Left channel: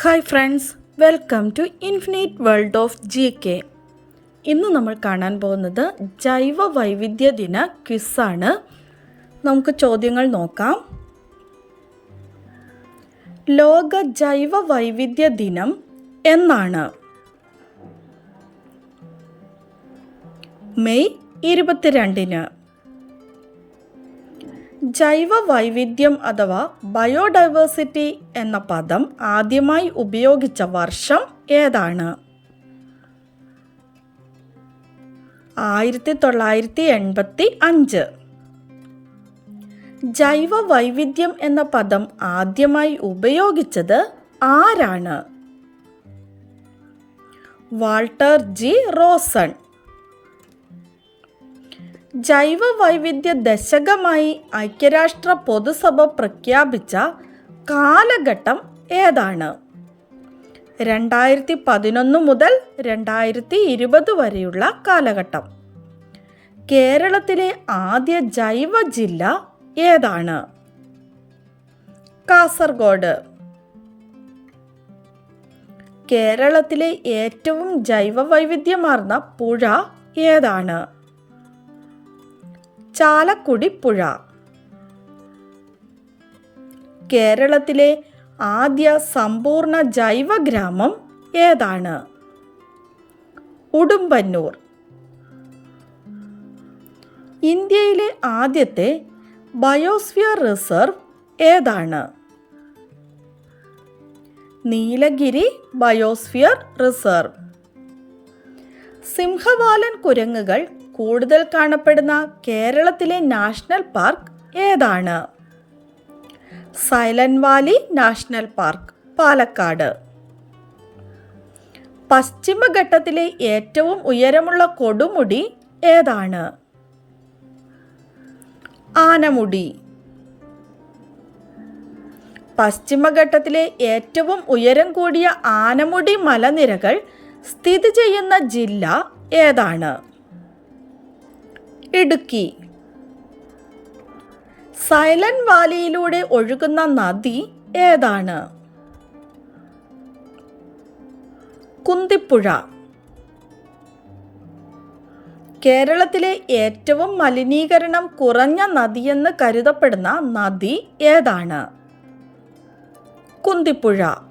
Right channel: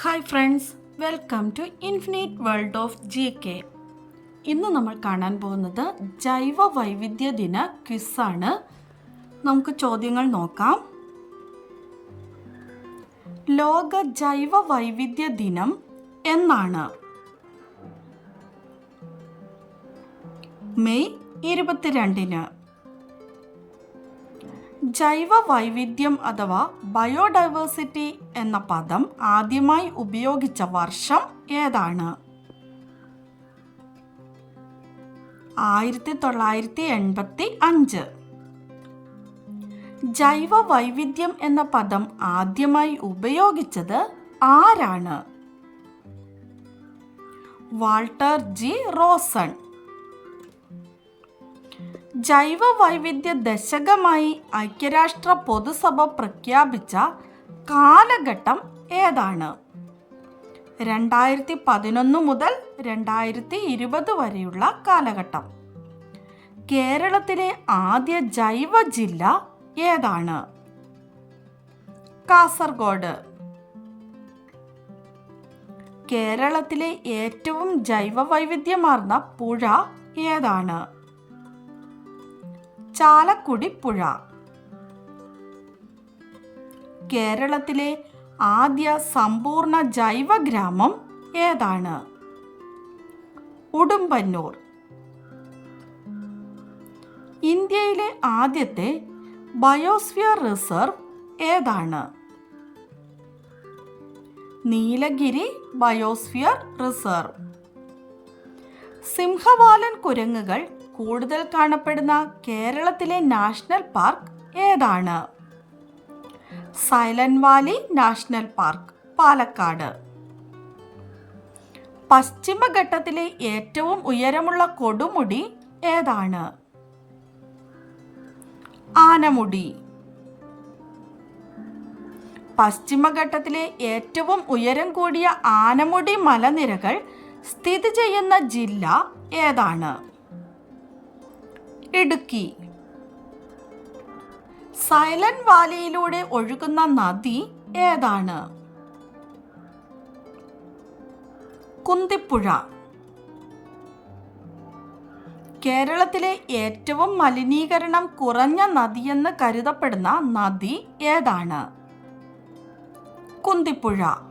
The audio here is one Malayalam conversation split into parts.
Hi friends welcome to infinite world of G K ഇന്ന് നമ്മൾ കാണാൻ പോകുന്നത് ജൈവ വൈവിധ്യ ദിന ക്വിസാണ് നമുക്ക് ചോദ്യങ്ങൾ നോക്കാം. ലോക ജൈവ വൈവിധ്യ ദിനം എന്നാണ്. മെയ് ഇരുപത്തിരണ്ടിന്. ജൈവ വൈവിധ്യം അഥവാ ബയോഡൈവേഴ്സിറ്റി എന്ന പദം ആദ്യമായി ഉപയോഗിച്ച വർഷം ഏതാണ്? ആയിരത്തി തൊള്ളായിരത്തി എൺപത്തി അഞ്ച് ജൈവ വൈവിധ്യം എന്ന പദം ആദ്യമായി ഉപയോഗിച്ചത് ആരാണ്? Walter G Rosen. ജൈവ വൈവിധ്യ ദശകമായി ഐക്യരാഷ്ട്ര പൊതുസഭ പ്രഖ്യാപിച്ച കാലഘട്ടം ഏതാണ്? രണ്ടായിരത്തി പതിനൊന്ന് മുതൽ രണ്ടായിരത്തി ഇരുപത് വരെയുള്ള കാലഘട്ടം. കേരളത്തിലെ ആദ്യ ജൈവ ജില്ല ഏതാണ്? കാസർഗോഡ്. കേരളത്തിലെ ഏറ്റവും ജൈവ വൈവിധ്യമാർന്ന പുഴ ഏതാണ്? ചാലക്കുടി പുഴ. കേരളത്തിലെ ആദ്യ സമ്പൂർണ ജൈവ ഗ്രാമം ഏതാണ്? ഉടുമ്പന്നൂർ. ഇന്ത്യയിലെ ആദ്യത്തെ ബയോസ്ഫിയർ റിസർവ് ഏതാണ്? Nilgiri biosphere reserve. സിംഹവാലൻ കുരങ്ങുകൾ കൂടുതൽ കാണപ്പെടുന്ന കേരളത്തിലെ നാഷണൽ പാർക്ക് ഏതാണ്? Silent valley national park Palakkad. പശ്ചിമഘട്ടത്തിലെ ഏറ്റവും ഉയരമുള്ള കൊടുമുടി ഏതാണ്? ആനമുടി. പശ്ചിമഘട്ടത്തിലെ ഏറ്റവും ഉയരം കൂടിയ ആനമുടി മലനിരകൾ സ്ഥിതി ചെയ്യുന്ന ജില്ല ഏതാണ്? ഇടുക്കി. സൈലന്റ് വാലിയിലൂടെ ഒഴുകുന്ന നദി ഏതാണ്? കുന്തിപ്പുഴ. കേരളത്തിലെ ഏറ്റവും മലിനീകരണം കുറഞ്ഞ നദിയെന്ന് കരുതപ്പെടുന്ന നദി ഏതാണ്? കുന്തിപ്പുഴ.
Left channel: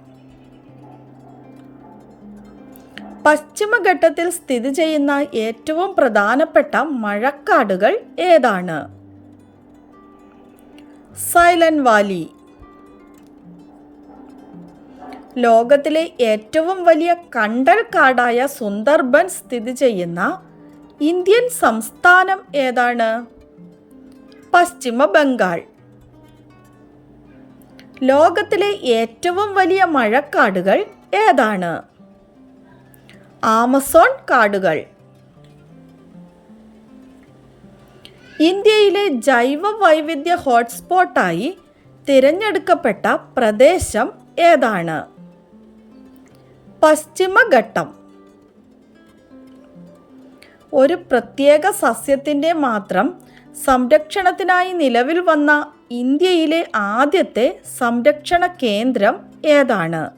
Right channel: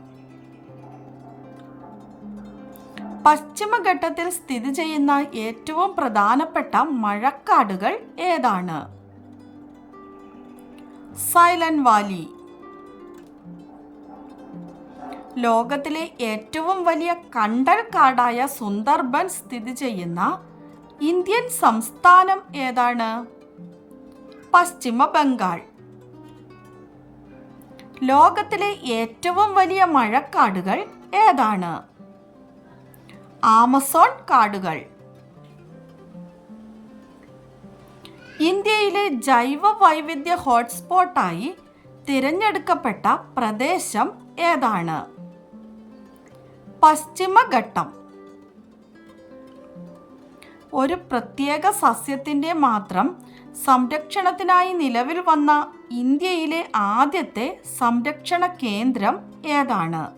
പശ്ചിമഘട്ടത്തിൽ സ്ഥിതി ചെയ്യുന്ന ഏറ്റവും പ്രധാനപ്പെട്ട മഴക്കാടുകൾ ഏതാണ്? Silent valley. ലോകത്തിലെ ഏറ്റവും വലിയ കണ്ടൽ കാടായ സുന്ദർബൻ സ്ഥിതി ചെയ്യുന്ന ഇന്ത്യൻ സംസ്ഥാനം ഏതാണ്? പശ്ചിമ ബംഗാൾ. ലോകത്തിലെ ഏറ്റവും വലിയ മഴക്കാടുകൾ ഏതാണ്? ആമസോൺ കാടുകൾ. ഇന്ത്യയിലെ ജൈവ വൈവിധ്യ ഹോട്ട്സ്പോട്ടായി തിരഞ്ഞെടുക്കപ്പെട്ട പ്രദേശം ഏതാണ്? പശ്ചിമഘട്ടം. ഒരു പ്രത്യേക സസ്യത്തിന്റെ മാത്രം സംരക്ഷണത്തിനായി നിലവിൽ വന്ന ഇന്ത്യയിലെ ആദ്യത്തെ സംരക്ഷണ കേന്ദ്രം ഏതാണ്?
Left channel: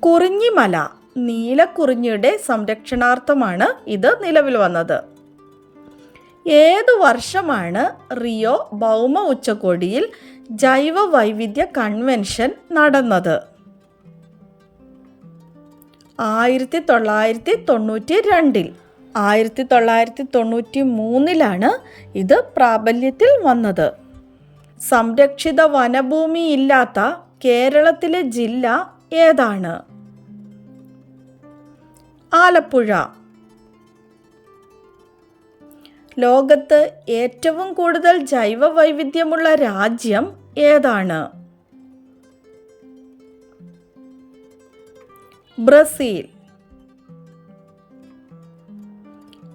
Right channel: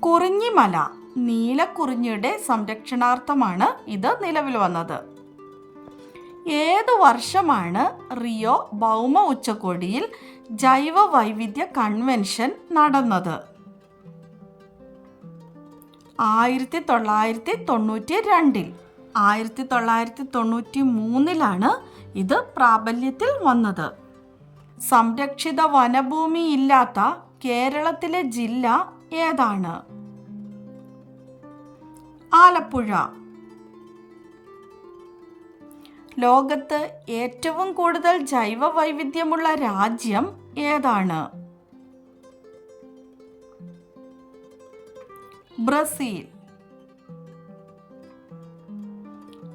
കുറിഞ്ഞിമല. നീലക്കുറിഞ്ഞിയുടെ സംരക്ഷണാർത്ഥമാണ് ഇത് നിലവിൽ വന്നത്. ഏതു വർഷമാണ് റിയോ ഭൗമ ഉച്ചകോടിയിൽ ജൈവ വൈവിധ്യ കൺവെൻഷൻ നടന്നത്? ആയിരത്തി തൊള്ളായിരത്തി തൊണ്ണൂറ്റി രണ്ടിൽ ആയിരത്തി തൊള്ളായിരത്തി തൊണ്ണൂറ്റി മൂന്നിലാണ് ഇത് പ്രാബല്യത്തിൽ വന്നത്. സംരക്ഷിത വനഭൂമി ഇല്ലാത്ത കേരളത്തിലെ ജില്ല ഏതാണ്? ആലപ്പുഴ. ലോകത്ത് ഏറ്റവും കൂടുതൽ ജൈവ വൈവിധ്യമുള്ള രാജ്യം ഏതാണ്? ബ്രസീൽ.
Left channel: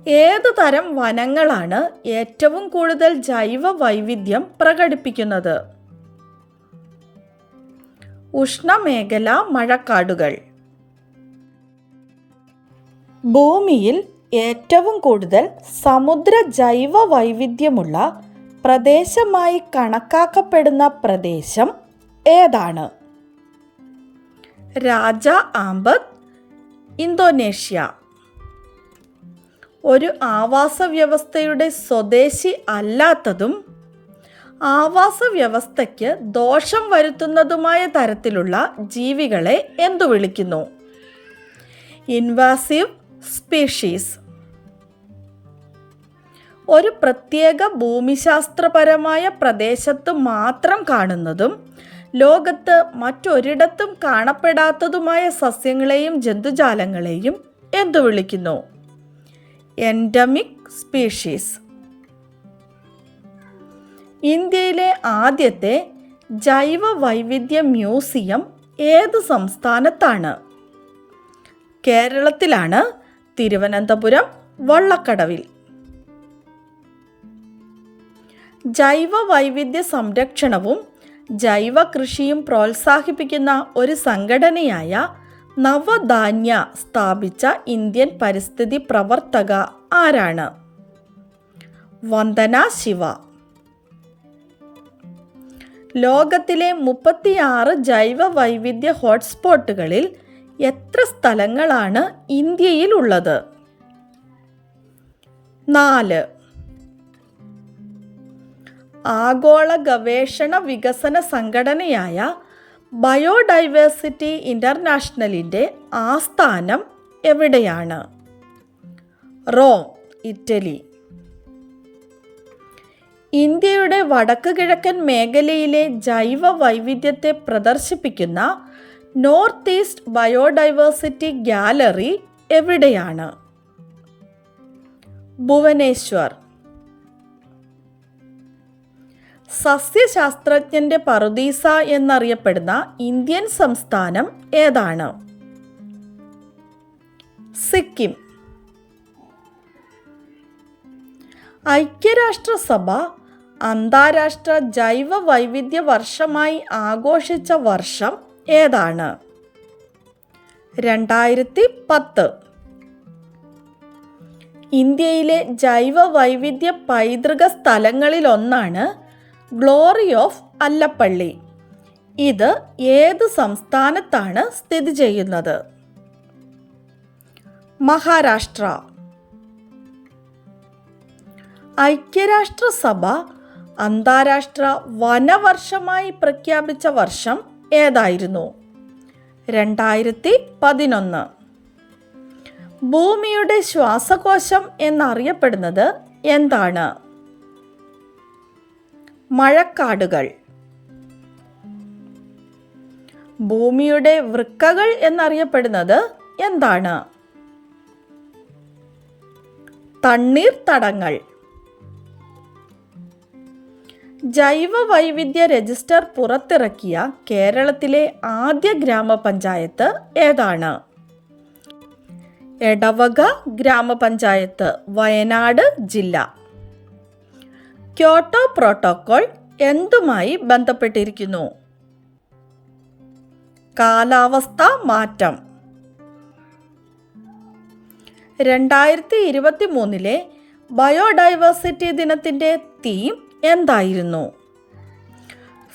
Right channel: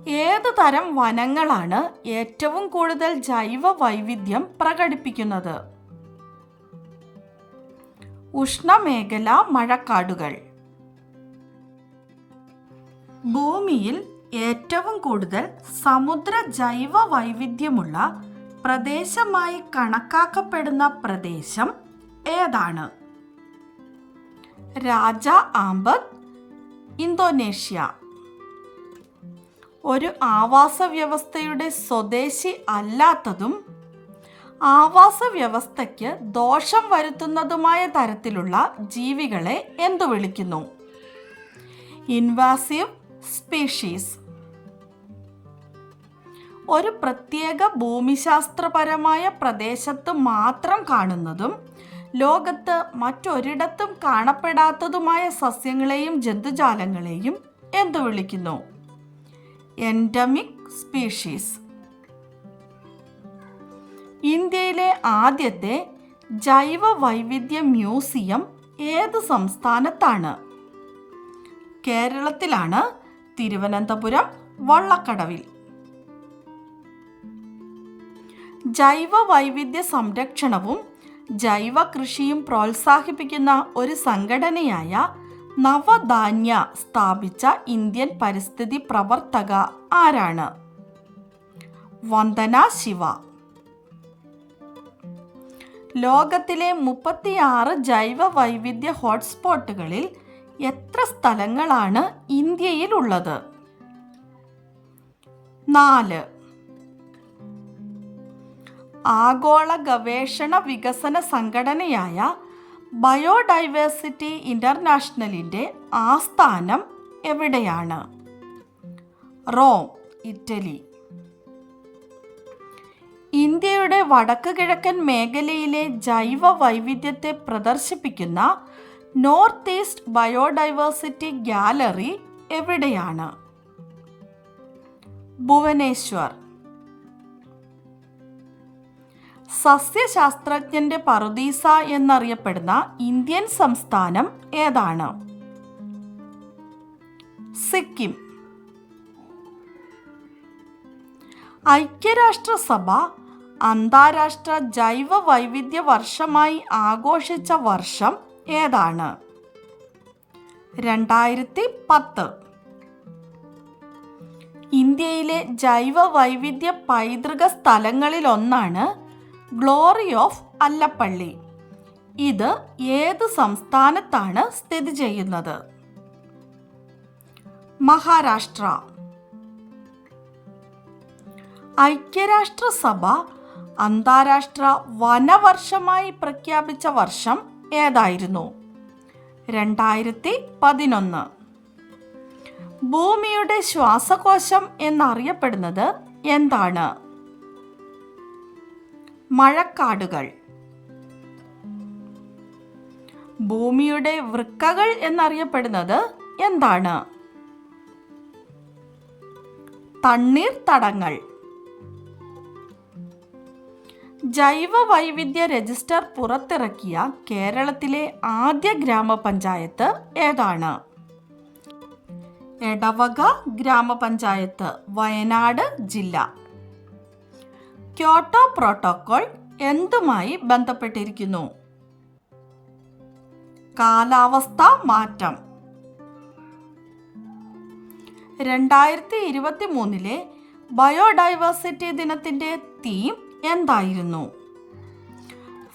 ഏതു തരം വനങ്ങളാണ് ഏറ്റവും കൂടുതൽ ജൈവ വൈവിധ്യം പ്രകടിപ്പിക്കുന്നത്? ഉഷ്ണമേഖല മഴക്കാടുകൾ. ഭൂമിയിൽ ഏറ്റവും കൂടുതൽ സമുദ്ര ജൈവ വൈവിധ്യമുള്ള പ്രദേശമായി കണക്കാക്കപ്പെടുന്ന പ്രദേശം ഏതാണ്? Raja Ampat Indonesia. ഒരു ആവാസ വ്യവസ്ഥയുടെ സ്വദേശി അല്ലാത്തതും ആവാസ വ്യവസ്ഥയ്ക്ക് ദോഷം വരുത്തുന്നതുമായ തരത്തിലുള്ള ജീവികളെ എന്തു വിളിക്കുന്നു? Invasive species. ഒരു പ്രത്യേക ഭൂമിശാസ്ത്രപരമായ പ്രദേശത്ത് മാത്രം കാണുന്നതും ലോകത്ത് മറ്റൊരിടത്തും കാണപ്പെടാത്തതുമായ സസ്യങ്ങളെയും ജന്തുജാലങ്ങളെയും എന്തു വിളിക്കുന്നു? Endemic species. ഇന്ത്യയിലെ ആദ്യത്തെ ജൈവ വൈവിധ്യ മ്യൂസിയം ഏത് സംസ്ഥാനത്താണ്? കേരളത്തിലാണ് തിരുവനന്തപുരം വള്ളക്കടവിൽ. ജൈവ വൈവിധ്യ സംരക്ഷണവും ജൈവ കൃഷിയും പ്രോത്സാഹിപ്പിക്കുന്ന ഒരു സംഘടനയായ നവധാന്യ സ്ഥാപിച്ച ഇന്ത്യൻ പരിസ്ഥിതി പ്രവർത്തക ആരാണ്? വന്ദന ശിവ. ലോകത്തിലെ മുപ്പത്തിയാറ് ജൈവ വൈവിധ്യ ഹോട്ട്സ്പോട്ടുകളിൽ എത്ര സ്ഥലങ്ങളാണ് ഇന്ത്യയിലുള്ളത്? നാല്. ആഗോള ഗവേഷണ വികസന സംഘടനയായ ബയോഡൈവേഴ്സിറ്റി ഇന്റർനാഷണലിന്റെ ആസ്ഥാനം എവിടെയാണ്? Rome Italy. ഇന്ത്യയുടെ വടക്ക് കിഴക്കൻ മേഖലയിലെ ജൈവ വൈവിധ്യത്തെ പ്രദർശിപ്പിക്കുന്ന നോർത്ത് ഈസ്റ്റ് ബയോഡൈവേഴ്സിറ്റി ഗാലറി എവിടെയാണ്? ഭുവനേശ്വർ. സസ്യശാസ്ത്രജ്ഞന്റെ പറുദീസ എന്നറിയപ്പെടുന്ന ഇന്ത്യൻ സംസ്ഥാനം ഏതാണ്? സിക്കിം. ഐക്യരാഷ്ട്രസഭ അന്താരാഷ്ട്ര ജൈവ വൈവിധ്യ വർഷമായി ആഘോഷിച്ച വർഷം ഏതാണ്? രണ്ടായിരത്തി പത്ത് ഇന്ത്യയിലെ ജൈവ വൈവിധ്യ പൈതൃക സ്ഥലങ്ങളിലൊന്നാണ് ഗ്ലോറി ഓഫ് അല്ലപ്പള്ളി. ഇത് ഏത് സംസ്ഥാനത്താണ് സ്ഥിതി ചെയ്യുന്നത്? മഹാരാഷ്ട്ര. ഐക്യരാഷ്ട്രസഭ അന്താരാഷ്ട്ര വനവർഷമായി പ്രഖ്യാപിച്ച വർഷം ഏതായിരുന്നു? രണ്ടായിരത്തി പതിനൊന്ന് ഭൂമിയുടെ ശ്വാസകോശം എന്നറിയപ്പെടുന്നത് എന്താണ്? മഴക്കാടുകൾ. ഭൂമിയുടെ വൃക്കകൾ എന്നറിയപ്പെടുന്നത് എന്താണ്? തണ്ണീർത്തടങ്ങൾ. ജൈവ വൈവിധ്യ രജിസ്റ്റർ പുറത്തിറക്കിയ കേരളത്തിലെ ആദ്യ ഗ്രാമപഞ്ചായത്ത് ഏതാണ്? എടവക ഗ്രാമപഞ്ചായത്ത് വയനാട് ജില്ല. ക്യോട്ടോ പ്രോട്ടോക്കോൾ എന്തുമായി ബന്ധപ്പെട്ടിരിക്കുന്നു? കാലാവസ്ഥ മാറ്റം. രണ്ടായിരത്തി ഇരുപത്തി മൂന്നിലെ ബയോഡൈവേഴ്സിറ്റി ദിനത്തിന്റെ തീം എന്തായിരുന്നു?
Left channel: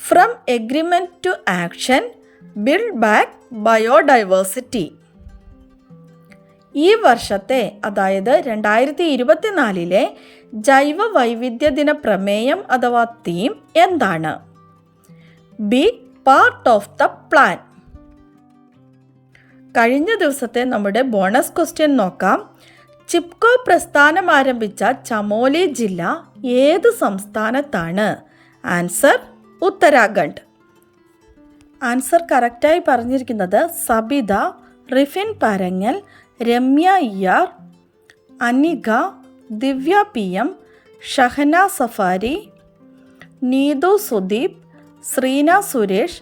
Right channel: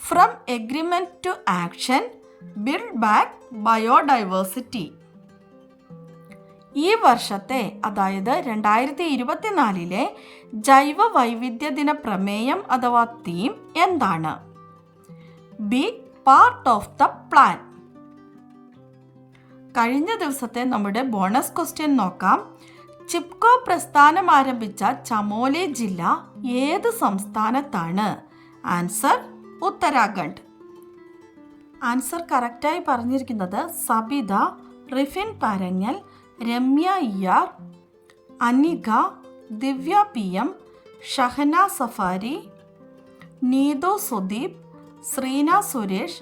From agreement to action build back biodiversity ഈ വർഷത്തെ അതായത് രണ്ടായിരത്തി ഇരുപത്തിനാലിലെ ജൈവ വൈവിധ്യ ദിന പ്രമേയം അഥവാ തീം എന്താണ്? Be part of the plan കഴിഞ്ഞ ദിവസത്തെ നമ്മുടെ ബോണസ് ക്വസ്റ്റ്യൻ നോക്കാം. ചിപ്കോ പ്രസ്ഥാനം ആരംഭിച്ച ചമോലി ജില്ല ഏത് സംസ്ഥാനത്താണ്? ആൻസർ ഉത്തരാഖണ്ഡ്. ആൻസർ കറക്റ്റായി പറഞ്ഞിരിക്കുന്നത് Sabitha Rifin Parangal Ramya Iyar Anika Divya P M Shahana Safari Neethu Sudeep Sreena Suresh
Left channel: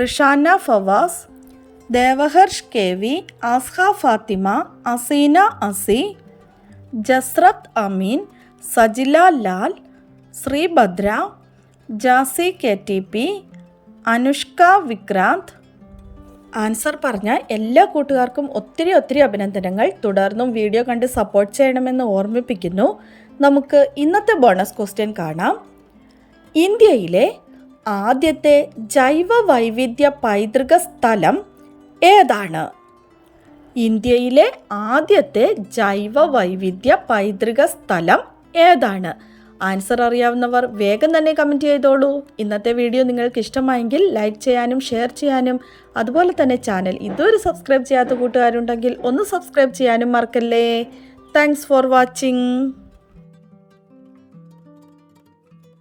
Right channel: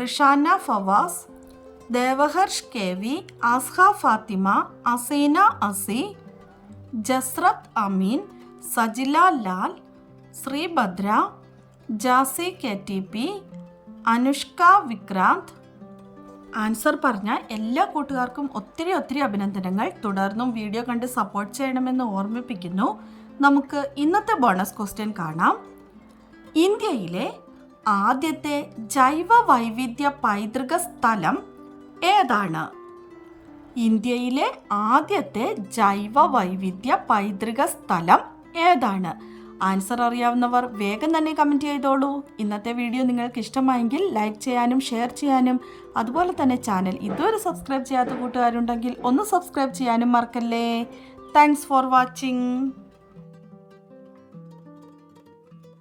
Rishana Fawas Devaharsh K V Azha Fathima Aseena Asi Jasrath Ameen Sajila Lal Sreebhadra Jasi K T P Anushka Vikranth. Answer പറഞ്ഞ എല്ലാ കൂട്ടുകാർക്കും ഒത്തിരി ഒത്തിരി അഭിനന്ദനങ്ങൾ. തുടർന്നും വീഡിയോ കണ്ട് സപ്പോർട്ട് ചെയ്യണമെന്ന് ഓർമ്മിപ്പിക്കുന്നു. നമുക്ക് ഇന്നത്തെ ബോണസ് ക്വസ്റ്റ്യൻ കാണാം. ഇന്ത്യയിലെ ആദ്യത്തെ ജൈവ വൈവിധ്യ പൈതൃക സ്ഥലം ഏതാണ്? ഇന്ത്യയിലെ ആദ്യത്തെ ജൈവ വൈവിധ്യ പൈതൃക സ്ഥലം ഏതാണ്? ആൻസർ അറിയാവുന്നവർ വേഗം തന്നെ കമന്റ് ചെയ്തോളൂ. ഇന്നത്തെ വീഡിയോ നിങ്ങൾക്ക് ഇഷ്ടമായെങ്കിൽ ലൈക്ക് ചെയ്യാനും ഷെയർ ചെയ്യാനും അതുപോലെ തന്നെ ചാനൽ ഇതുവരെ സബ്സ്ക്രൈബ് ചെയ്യാത്ത കൂട്ടുകാരുണ്ടെങ്കിൽ ഒന്ന് സബ്സ്ക്രൈബ് ചെയ്യാനും മറക്കല്ലേ. Thanks for watching